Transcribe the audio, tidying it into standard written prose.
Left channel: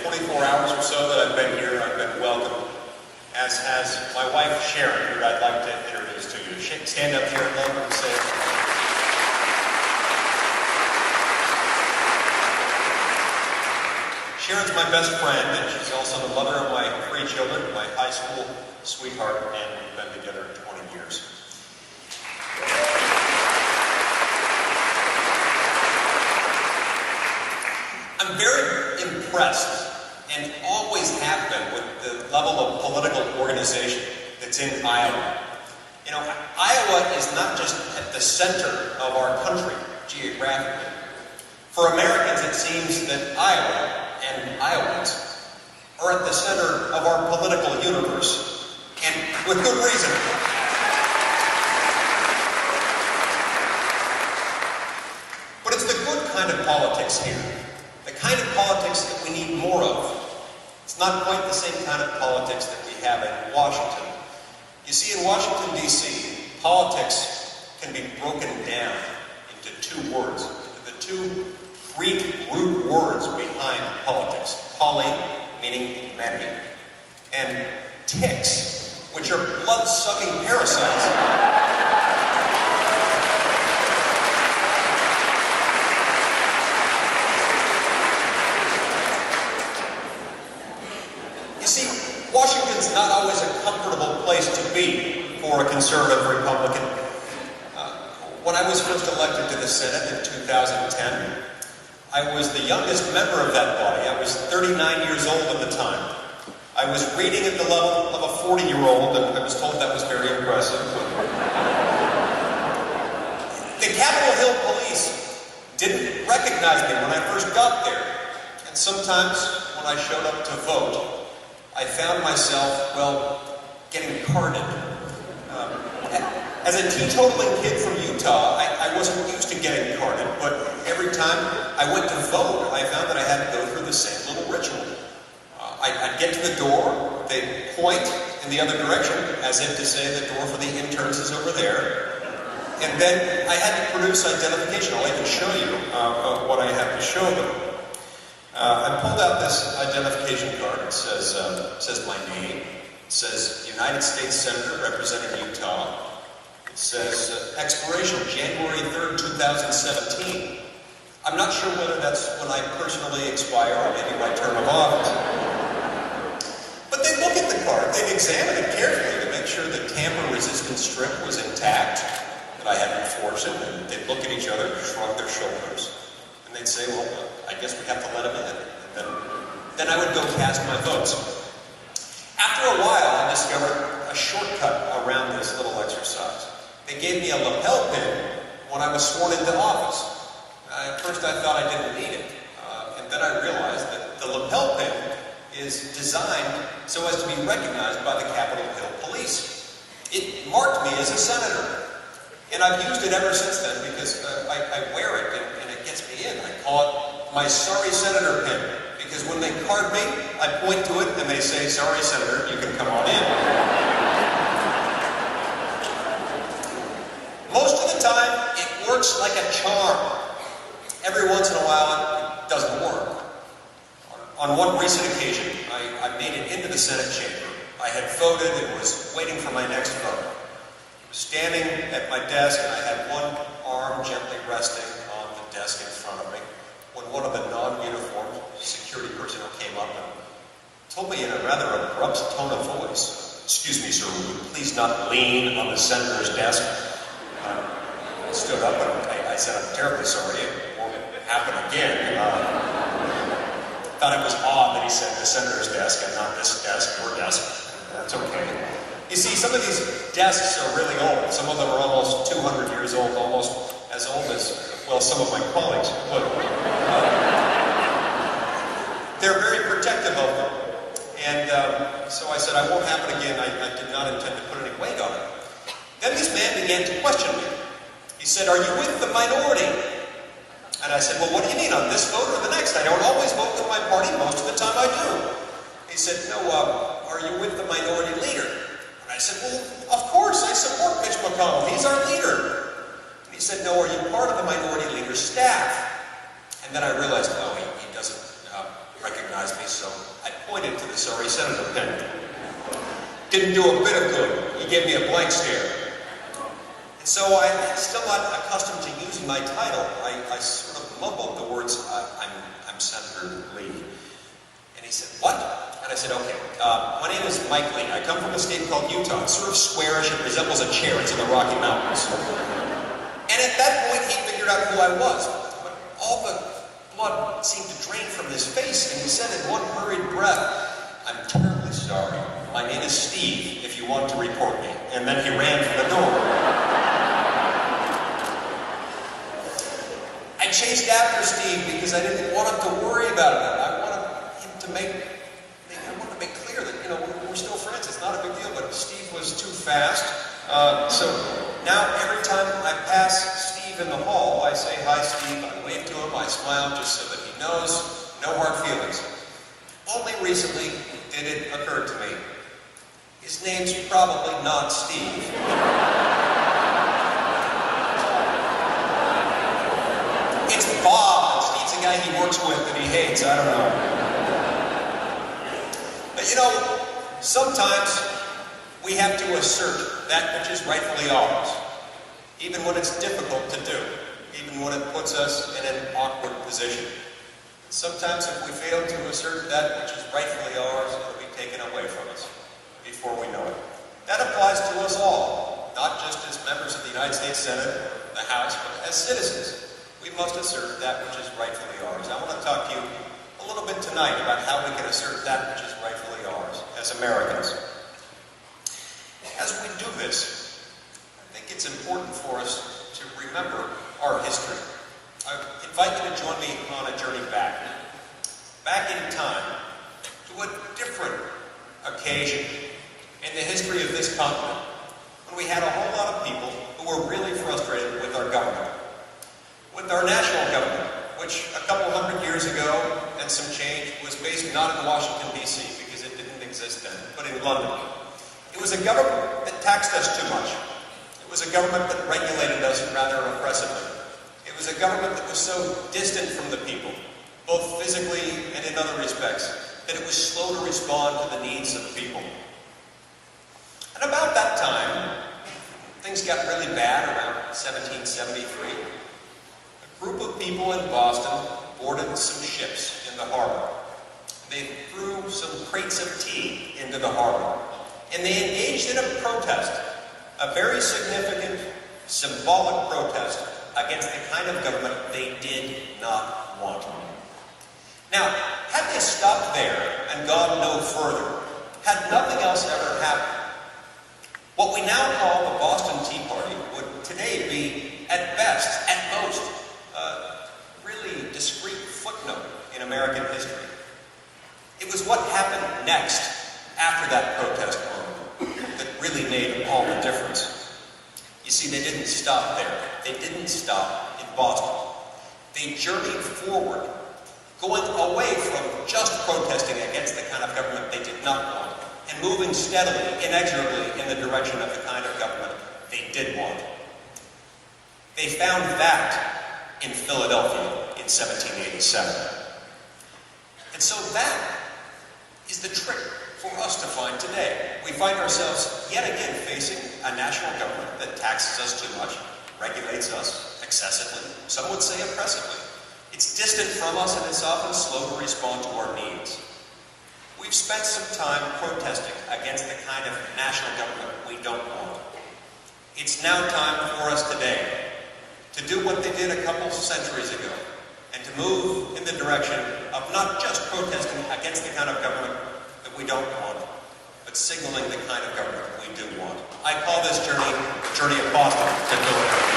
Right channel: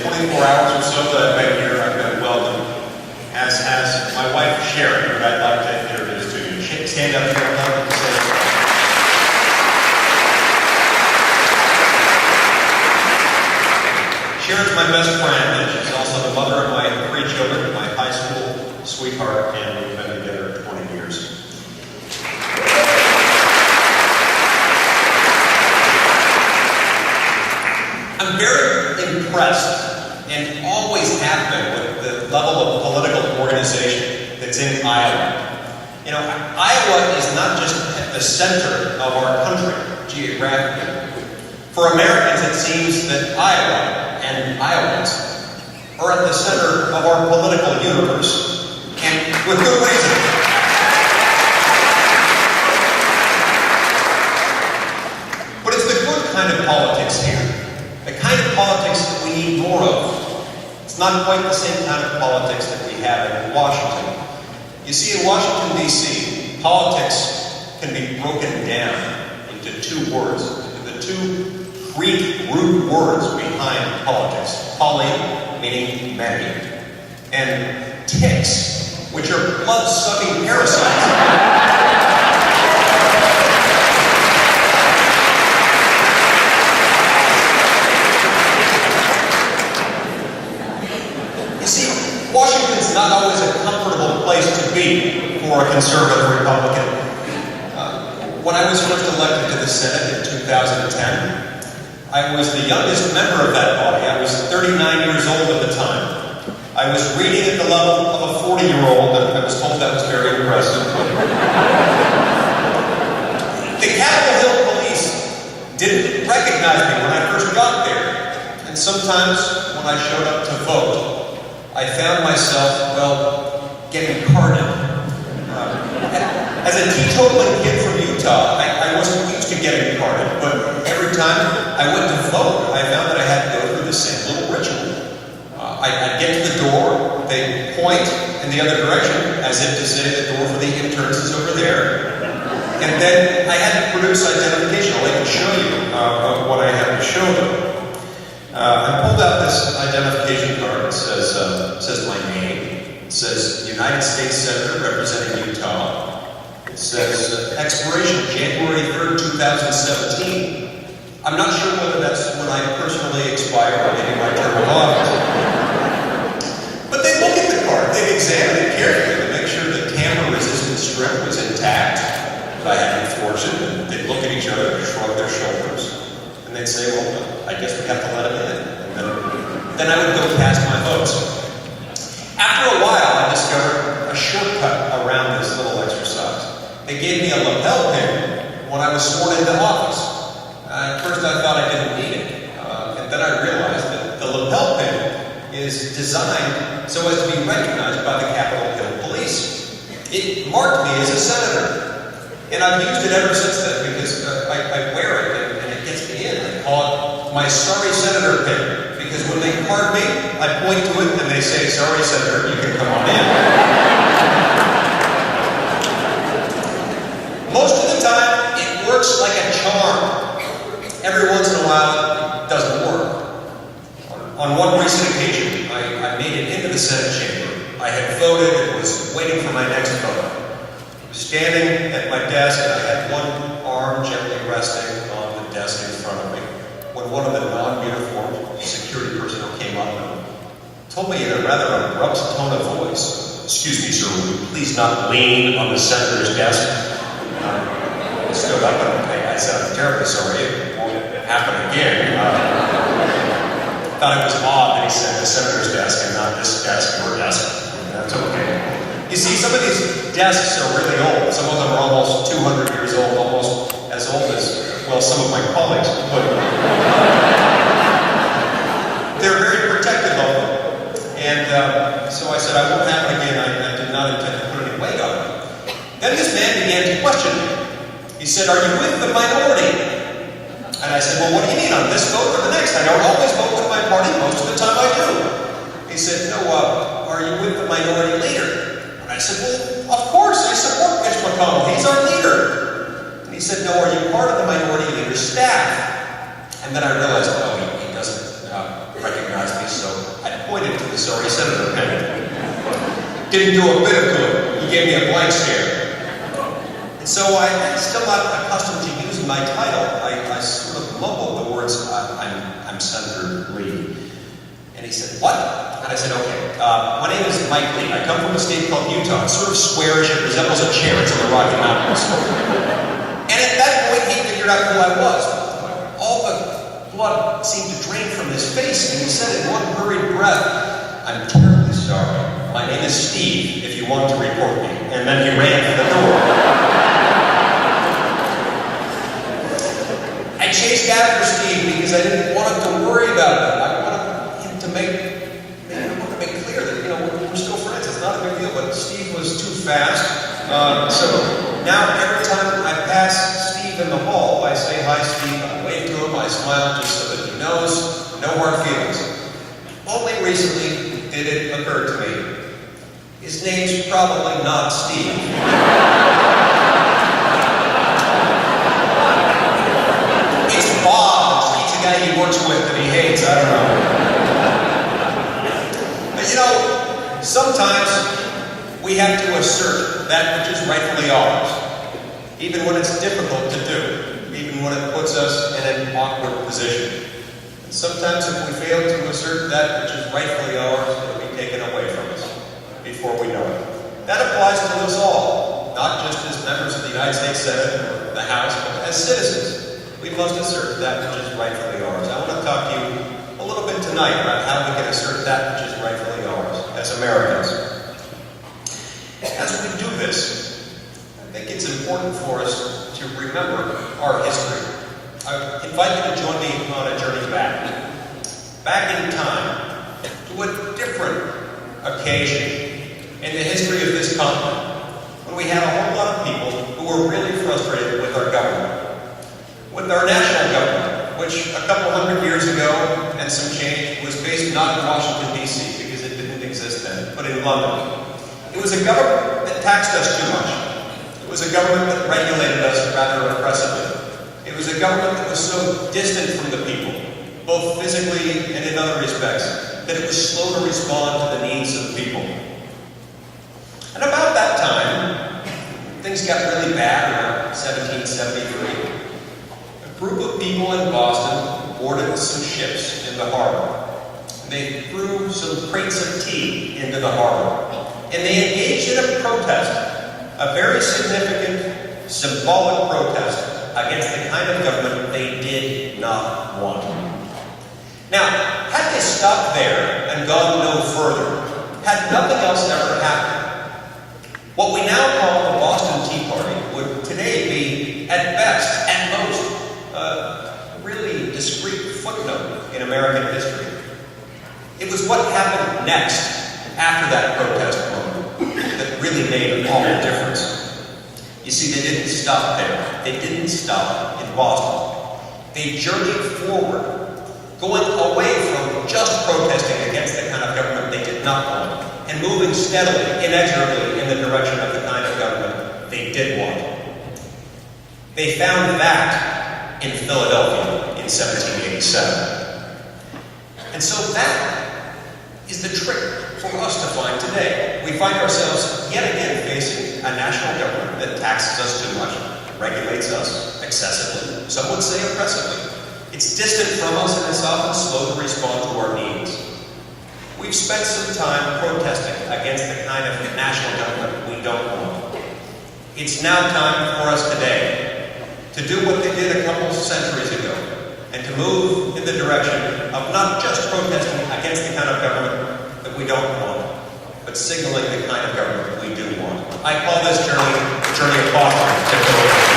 the 24 hours or so that I've been here, I've been welcomed, as has my wife, Sharon, who I'd like to introduce to you. Stand up, Sharon, let me say it. Sharon's my best friend, and she's also the mother of my 3 children, my high school sweetheart, and we've been together 20 years. I'm very impressed, and always have been, with the level of political organization that's in Iowa. You know, Iowa is not just at the center of our country, geographically. For Americans, it seems that Iowa and Iowans are at the center of our political universe, and with good reason. But it's the good kind of politics here, the kind of politics that we need more of. It's not quite the same kind of politics that we have in Washington. You see, in Washington, D.C., politics can be broken down into 2 words, into the 2 Greek root words behind politics. Poly, meaning many, and ticks, which are blood-sucking parasites. You see, Washington's not always a comfortable place to be for a conservative Republican. When I was first elected to the Senate in 2010, I was the youngest member of that body. I was 39 years old at the time. I was reading at the level of a 40-year-old, and I was told that was very impressive. The Capitol Hill Police didn't recognize me when I first got there. And sometimes when I showed up to vote, I found myself, well, getting carded. As a teetotaling kid from Utah, I wasn't used to getting carded, but every time I went to vote, I found that I had to go through the same little ritual. I'd get to the door, they'd point in the other direction, as if to say the door for the interns is over there, and then I had to produce identification. I'll even show you what I had to show them. I pulled out this identification card. It says my name. It says United States Senator representing Utah. It says expiration January 3rd, 2017. I'm not sure whether that's when I personally expire or maybe my term of office. But they'd look at the card, they'd examine it carefully to make sure the tamper-resistant strip was intact, that I hadn't forged it, and they'd look at each other and shrug their shoulders. And they'd say, well, I guess we have to let him in. And then I would go cast my votes. After a while, I discovered a shortcut around this little exercise. They gave me a lapel pin when I was sworn into office. At first I thought I didn't need it, and then I realized that the lapel pin is designed so as to be recognized by the Capitol Hill Police. It marked me as a senator, and I've used it ever since then because I wear it and it gets me in. I call it my Sorry Senator pin, because when they card me, I point to it and they say, sorry Senator, you can come on in. Most of the time, it works like a charm. Every once in a while, it doesn't work. On one recent occasion, I made it into the Senate chamber. I had voted and was waiting for my next vote. I was standing at my desk and I had one arm gently resting on the desk in front of me when one of the non-uniformed security personnel came up and told me in a rather abrupt tone of voice, "Excuse me, sir, will you please not lean on the senator's desk?" I stood up and I said, "I'm terribly sorry, it won't happen again." Thought it was odd that he said the senator's desk and not this desk, your desk. That's okay. You see, some of these desks are really old. Some of them are almost 200 years old, almost as old as, well, some of my colleagues. But they're very protective of them. And so I said, I won't happen again. I did not intend to put any weight on it. Then this man began to question me. He said, "Are you with the minority?" And I said, "Well, what do you mean, on this vote or the next? I don't always vote with my party. Most of the time I do." He said, "No, are you with the minority leader?" And I said, "Well, of course, I support Mitch McConnell. He's our leader." And he said, "No, are you part of the minority leader's staff?" And then I realized, no, he doesn't recognized me, so I pointed to the sorry senator pennant. Didn't do a bit of good. He gave me a blank stare. And so I'm still not accustomed to using my title. I sort of mumbled the words, I'm Senator Lee. And he said, what? And I said, okay, my name is Mike Lee. I come from a state called Utah. It's sort of squarish. It resembles a chair. It's in the Rocky Mountains. And at that point, he figured out who I was. But all the blood seemed to drain from his face, and he said in one hurried breath, I'm terribly sorry. My name is Steve, if you want to report me. And then he ran for the door. I chased after Steve because I didn't want him to worry about it. I wanted him to make clear that, we're still friends. It's not a big deal, but Steve was too fast. So now every time I pass Steve in the hall, I say, hi, Steve. I wave to him. I smile just so that he knows. No hard feelings. Only recently did it occur to me. His name's probably not Steve. It's Bob, and Steve's the guy he works with that he hates. I don't know. But sometimes we have to assert that which is rightfully ours, even when it's difficult to do, even when it puts us in an awkward position. And sometimes if we fail to assert that which is rightfully ours, it'll be taken away from us before we know it. That applies to us all, not just as members of the United States Senate or the House, but as citizens. We must assert that which is rightfully ours. I want to talk to you a little bit tonight about how we can assert that which is rightfully ours as Americans. As we do this, I think it's important for us to remember our history. I invite you to join me on a journey back in time, to a different occasion in the history of this continent, when we had a whole lot of people who were really frustrated with our government, with our national government, which a couple hundred years ago and some change was based not in Washington, D.C., because it didn't exist then, but in London. It was a government that taxed us too much. It was a government that regulated us rather oppressively. It was a government that was so distant from the people, both physically and in other respects, that it was slow to respond to the needs of the people. And about that time, things got really bad around 1773. A group of people in Boston boarded some ships in the harbor. And they threw some crates of tea into the harbor. And they engaged in a protest, a very significant, symbolic protest against the kind of government they did not want. Now, had they stopped there and gone no further, had nothing else ever happened, what we now call the Boston Tea Party would today be, at best, at most, a really discreet footnote in American history. It was what happened next after that protest moment that really made all the difference. You see, they didn't stop there. They didn't stop in Boston. They journeyed forward, going away from just protesting against the kind of government they did not want, and moving steadily, inexorably in the direction of the kind of government they did want. They found that in Philadelphia in 1787. And so that is the trick for us to find today. We find ourselves yet again facing a national government that taxes us too much, regulates us excessively, some would say oppressively. It's distant from us and it's often slow to respond to our needs. We've spent some time protesting against the kind of national government we don't want. It's now time for us today to do what they did a couple centuries ago, and to move in the direction of not just protesting against the kind of government that we don't want, but signaling the kind of government that we do want. I call this journey the journey of Boston to Philadelphia.